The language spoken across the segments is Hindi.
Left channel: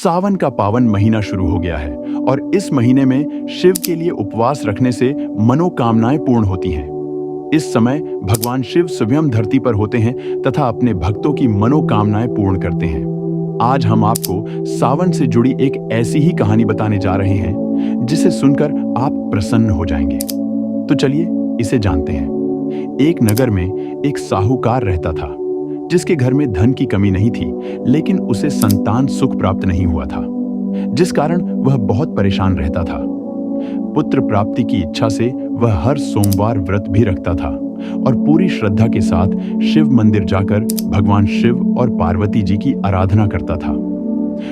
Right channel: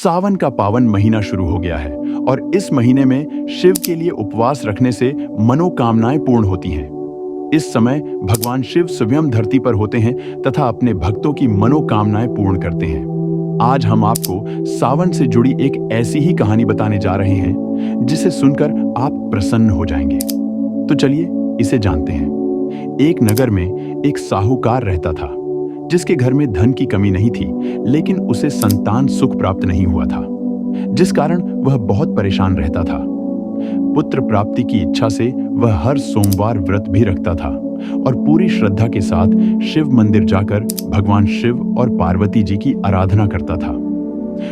सावन का पावन महीना शुरू हो गया है और इस महीने में शिव के लिए उपवास रखने से मनोकामनाएं पूर्ण होती हैं। इस समय भगवान शिव स्वयं धरती पर होते हैं तथा अपने भक्तों की मनोकामनाएं पूर्ण करते हैं। आज हम आपको सावन से जुड़ी एक ऐसी ही कहानी बताने जा रहे हैं जिसे सुनकर आप प्रसन्न हो जाएंगे। तो चलिए इसे जानते हैं। एक नगर में एक साहूकार रहता था जिसके घर में धन की कमी नहीं थी, लेकिन उसे संतान सुख प्राप्त नहीं हुआ था, जिस कारण वह बहुत परेशान रहता था। पुत्र प्राप्ति की इच्छा से वह हर सोमवार व्रत भी रखता था और पूरी श्रद्धा के साथ शिव मंदिर जाकर भगवान शिव और पार्वती जी की आराधना करता था।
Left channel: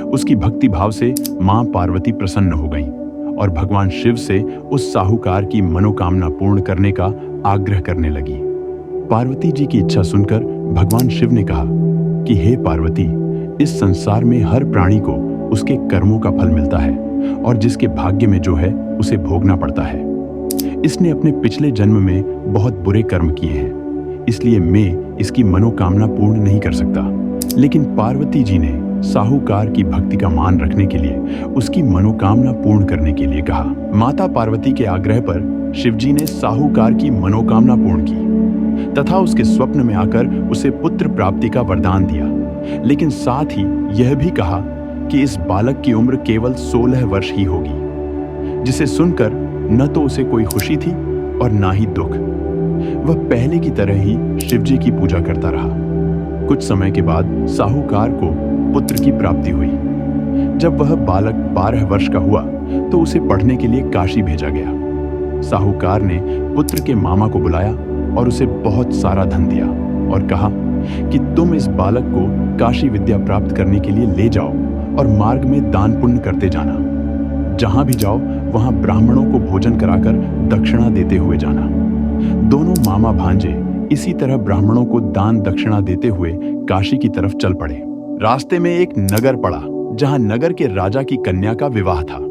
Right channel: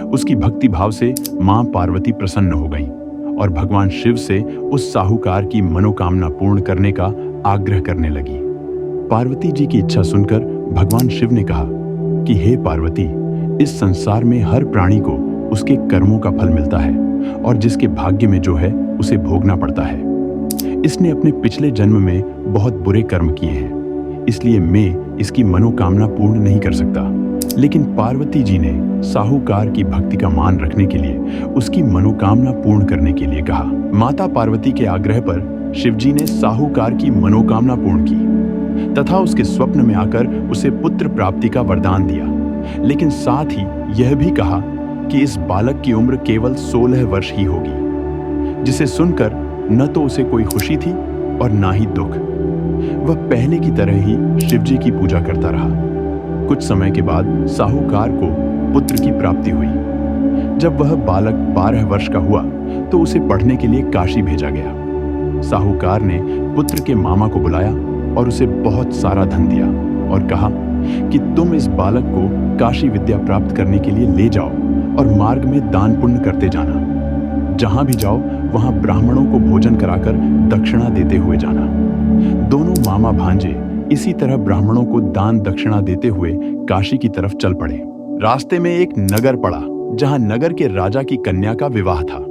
उसकी भक्ति भाव से मां पार्वती प्रसन्न हो गईं और भगवान शिव से उस साहूकार की मनोकामना पूर्ण करने का आग्रह करने लगी। पार्वती जी की इच्छा सुनकर भगवान शिव ने कहा कि हे पार्वती, इस संसार में हर प्राणी को उसके कर्मों का फल मिलता है और जिसके भाग्य में जो है उसे भोगना पड़ता है। इसने अपने पिछले जन्म में बहुत बुरे कर्म किए हैं, इसलिए मैं इसकी मनोकामना पूर्ण नहीं कर सकता। लेकिन पार्वती जी ने साहूकार की भक्ति का मान रखने के लिए उसकी मनोकामना पूर्ण करने के लिए कहा। माता पार्वती के आग्रह पर शिवजी ने साहूकार की मनोकामना पूर्ण की तथा उसके स्वप्न में आकर उसे पुत्र प्राप्ति का वरदान दिया, लेकिन साथ ही यह भी कहा कि इस बालक की उम्र केवल 16 वर्ष ही होगी, जिसे सुनकर न तो उसे कोई खुशी थी और ना ही दुख। वह पहले की तरह ही शिवजी की पूजा करता रहा। कुछ समय के बाद साहूकार को पुत्र की प्राप्ति हुई। जब वह बालक 12 वर्ष का हुआ तो उसे पढ़ने के लिए काशी भेजा गया। साहूकार ने पुत्र के मामा को बुलाया और उसे बहुत सारा धन दिया और कहा कि तुम इस बालक को काशी विद्या प्राप्त करने के लिए ले जाओ और मार्ग में दान पुण्य करते जाना। जहां भी जाओ वहां ब्राह्मणों को भोजन कराकर दक्षिणा देते हुए जाना। दोनों मामा भांजे इसी तरह ब्राह्मणों को दान दक्षिणा देते हुए काशी की तरफ चल पड़े। रास्ते में एक नगर पड़ा जहां नगर के राजा की कन्या का विवाह था,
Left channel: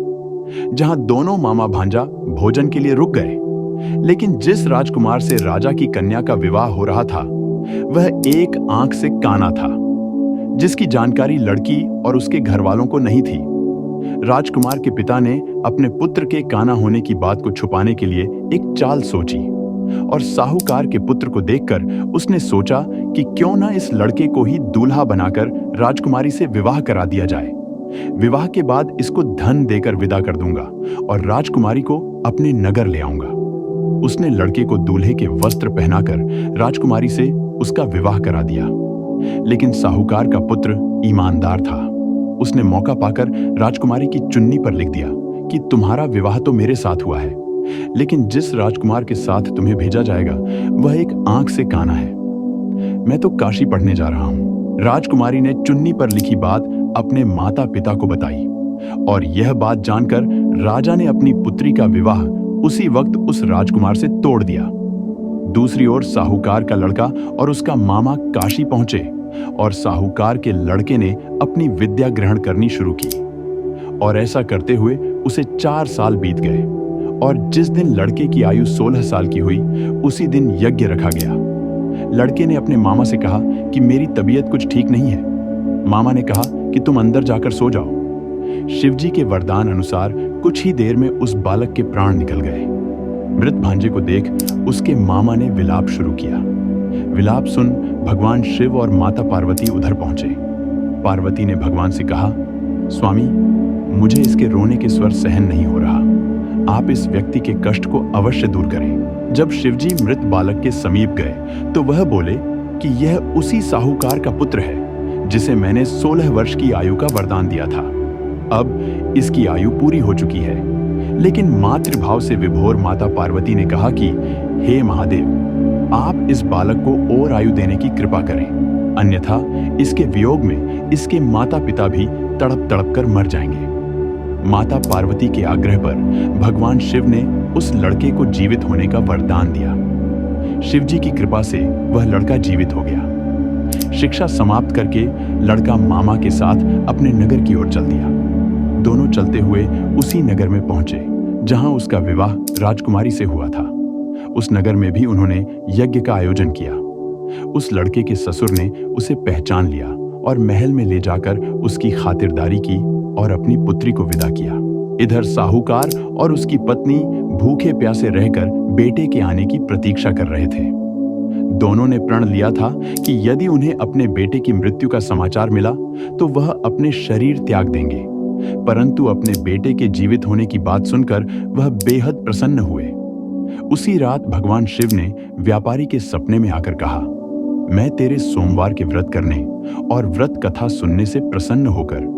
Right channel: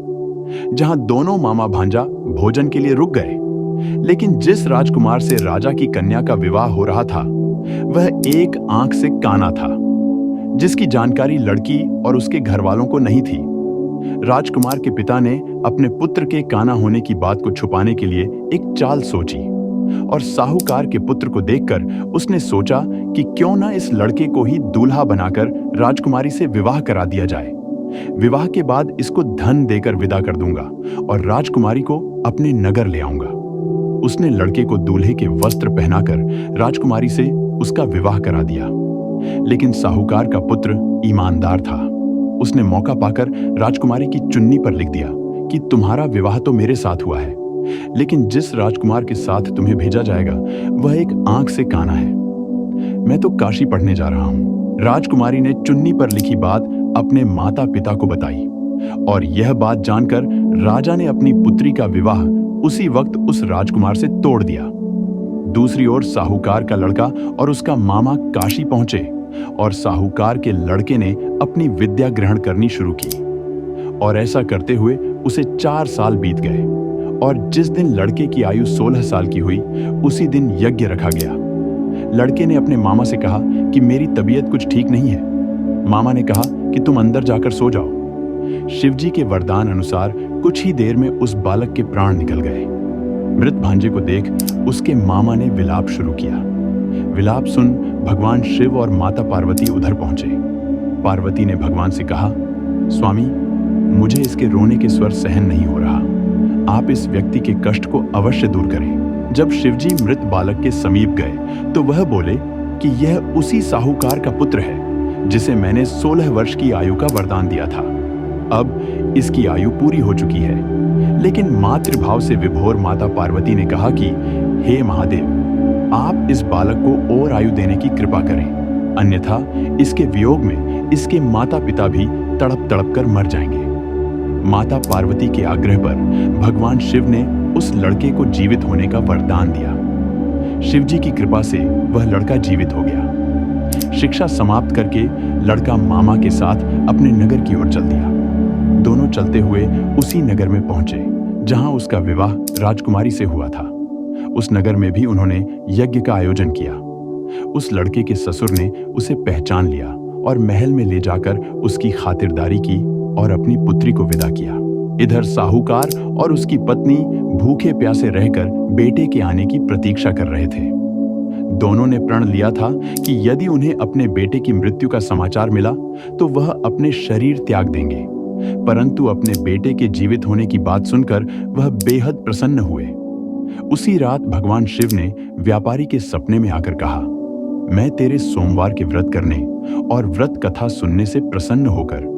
जहां दोनों मामा भांजा भोजन के लिए रुक गए। लेकिन जिस राजकुमार से राजा की कन्या का विवाह हो रहा था वह एक आंख से काना था, जिसकी जानकारी लड़की और उसके घर वालों को नहीं थी। राजकुमार के पिता ने अपने पुत्र के काना होने की बात को छुपाने के लिए एक चाल सोची और साहूकार के पुत्र को देखकर उसने सोचा कि क्यों ना इस लड़के को ही दूल्हा बनाकर राजकुमारी से विवाह करा दिया जाए। विवाह के बाद इसको धन देकर विदा कर दूंगा और राजकुमारी को अपने नगर ले आऊंगा। उसने लड़के को दूल्हे के वस्त्र पहनाकर राजकुमारी से उसका विवाह करा दिया। लेकिन साहूकार का पुत्र ईमानदार था। उसने मौका पाकर राजकुमारी की चुन्नी पर लिख दिया कि तुम्हारा विवाह तो मेरे साथ हुआ है, लेकिन जिस राजकुमार के साथ तुम्हें भेजा जाएगा वह एक आंख से काना है। मैं तो काशी पढ़ने जा रहा हूं। राजकुमारी ने चुन्नी पर लिखी बात अपने माता पिता को बताई और यह बात जानकर राजा ने अपनी पुत्री का विवाह उसी वक्त उस राजकुमार से तोड़ दिया। दूसरी ओर साहूकार का लड़का और उसका मामा काशी पहुंचे और साहूकार के लड़के ने अपनी विद्या ग्रहण करनी शुरू की और ऐसा करते हुए उसे 4 साल बीत गए और जिस दिन लड़के की आयु 16 साल की हुई उसी दिन यज्ञ रखा गया। लड़के ने अपने मामा से कहा कि मेरी तबीयत कुछ ठीक नहीं है। मामा ने कहा कि तुम अंदर जाकर सो जाओ। शिवजी के वरदान अनुसार कुछ ही देर में उस बालक के प्राण निकल गए। मृत भांजे को देख उसके मामा ने विलाप शुरू किया। विलाप सुन भगवान शिव और माता पार्वती उधर पहुंचे। पार्वती ने भगवान से कहा, स्वामी, मुझे इसके रोने के स्वर सहन नहीं हो रहा। आप इस व्यक्ति के कष्ट को अवश्य दूर करें। जब शिवजी मृत बालक के समीप गए तो वह बोले कि यह उसी साहूकार का पुत्र है जिसे मैंने 16 वर्ष की आयु का वरदान दिया था। अब इसकी आयु पूरी हो चुकी है। लेकिन मातृभाव से विभोर माता पार्वती ने कहा कि हे महादेव, आप इस बालक को और आयु देने की कृपा करें, अन्यथा इसके वियोग में इसके माता पिता भी तड़प तड़प कर मर जाएंगे। माता पार्वती के आग्रह पर भगवान शिव ने उस लड़के को जीवित होने का वरदान दिया। शिवजी की कृपा से वह लड़का जीवित हो गया। शिक्षा समाप्त करके लड़का मामा के साथ अपने नगर की ओर चल दिया। दोनों चलते हुए उसी नगर में पहुंचे जहां उसका विवाह राजकुमारी से हुआ था। उस नगर में भी उन्होंने यज्ञ का आयोजन किया। उस लड़के के ससुर ने उसे पहचान लिया और महल में ले जाकर उसकी खातिरदारी की और अपनी पुत्री को विदा किया। इधर साहूकार और उसकी पत्नी भूखे प्यासे रहकर बेटे के आने की प्रतीक्षा कर रहे थे। दोनों ने प्रण लिया था कि यदि उन्हें अपने बेटे की मृत्यु का समाचार मिला तो वह अपने शरीर त्याग देंगे, परंतु अपने बेटे के जीवित होने की बात सुनकर वह बेहद प्रसन्न हुए। उसी रात भगवान शिव ने व्यापारी के सपने में आकर कहा, मैं तेरे सोमवार के व्रत करने और व्रत कथा सुनने से प्रसन्न होकर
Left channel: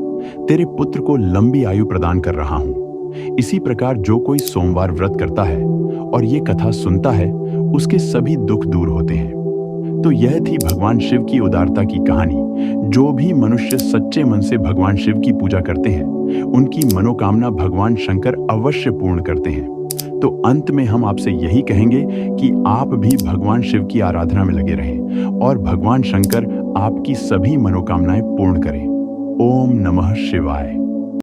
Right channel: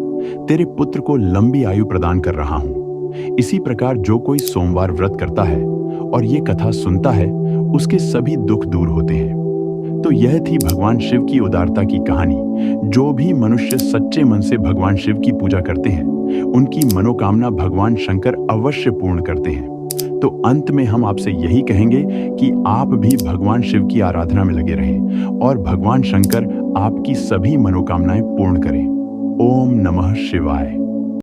तेरे पुत्र को लंबी आयु प्रदान कर रहा हूं। इसी प्रकार जो कोई सोमवार व्रत करता है और ये कथा सुनता है उसके सभी दुख दूर होते हैं। तो यह थी भगवान शिव की उदारता की कहानी। जो भी मनुष्य सच्चे मन से भगवान शिव की पूजा करते हैं उनकी मनोकामना भगवान शंकर अवश्य पूर्ण करते हैं। तो अंत में हम आपसे यही कहेंगे कि आप भी भगवान शिव की आराधना में लगे रहें और भगवान शंकर आपकी सभी मनोकामनाएं पूर्ण करें। ओम नमः शिवाय।